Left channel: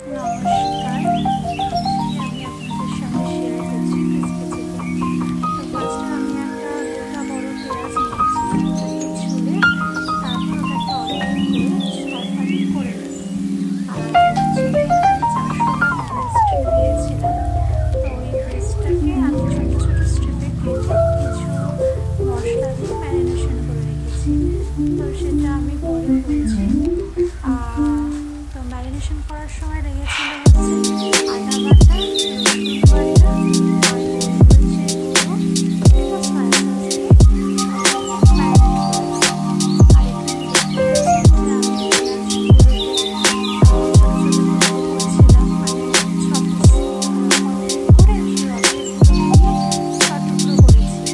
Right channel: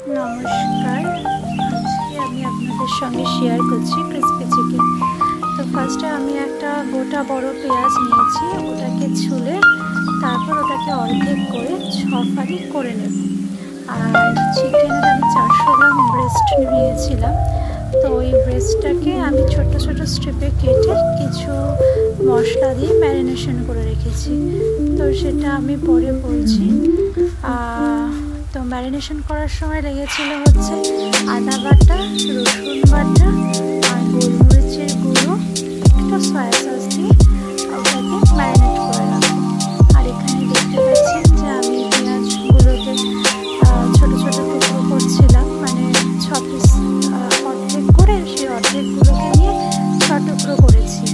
নমস্কার, আজকে আমি আপনাদের সঙ্গে শেয়ার করছি ক্রিসপি চিকেন। তো ফার্স্টে আমি একটা গোটা বড় পেঁয়াজ নিয়েছি, ওটাকে ছুলে তারপর ওটাকে অর্ধেক করে 6 ফালি করে নেব। আর চিকেনের আমি 400 গ্রাম ব্রেস্ট নিয়েছিলাম, তো ওই ব্রেস্টটাকে আমি ছোট ছোট স্ট্রিপে কেটে কিছু মশলা দিয়ে ম্যারিনেশন করে রেখেছি। তো সেটা আমি পরে বলছি। তো ম্যারিনেশন করার সময় লেগেছিল হচ্ছে আদা বাটা, রসুন বাটা আর গোলমরিচের গুঁড়ো, একটু সয়া সস দিয়ে ওটাকে ম্যারিনেট করে রাখবো। আর এখানে দেখতে পাচ্ছেন যে আমি পেঁয়াজগুলোকে ছোটো ছোটো টুকরো করছিলাম, মানে 6 পিস অর্ধেক করে সেই অর্ধেকগুলোকে নিয়ে 6 টুকরো করেছি।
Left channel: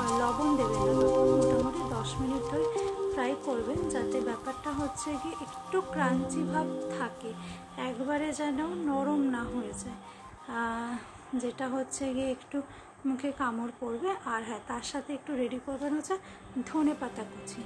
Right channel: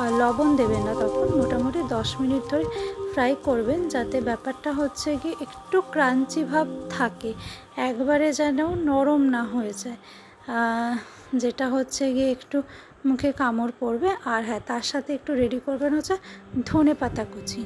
আর লবণ দেবেন না, তখন মোটামুটি 10 মিনিট ধরে ফ্রাই করবেন, যাতে ব্যাপারটা হচ্ছে কি একটু ক্রাঞ্চি ভাব থাকে, একবারে যেন নরম না হয়ে যায়, যেটা হচ্ছে গিয়ে একটু মুখে কামড় পড়বে। আর হ্যাঁ, তার সাথে একটু রেডি করবেন হচ্ছে ধনে পাতা কুচি।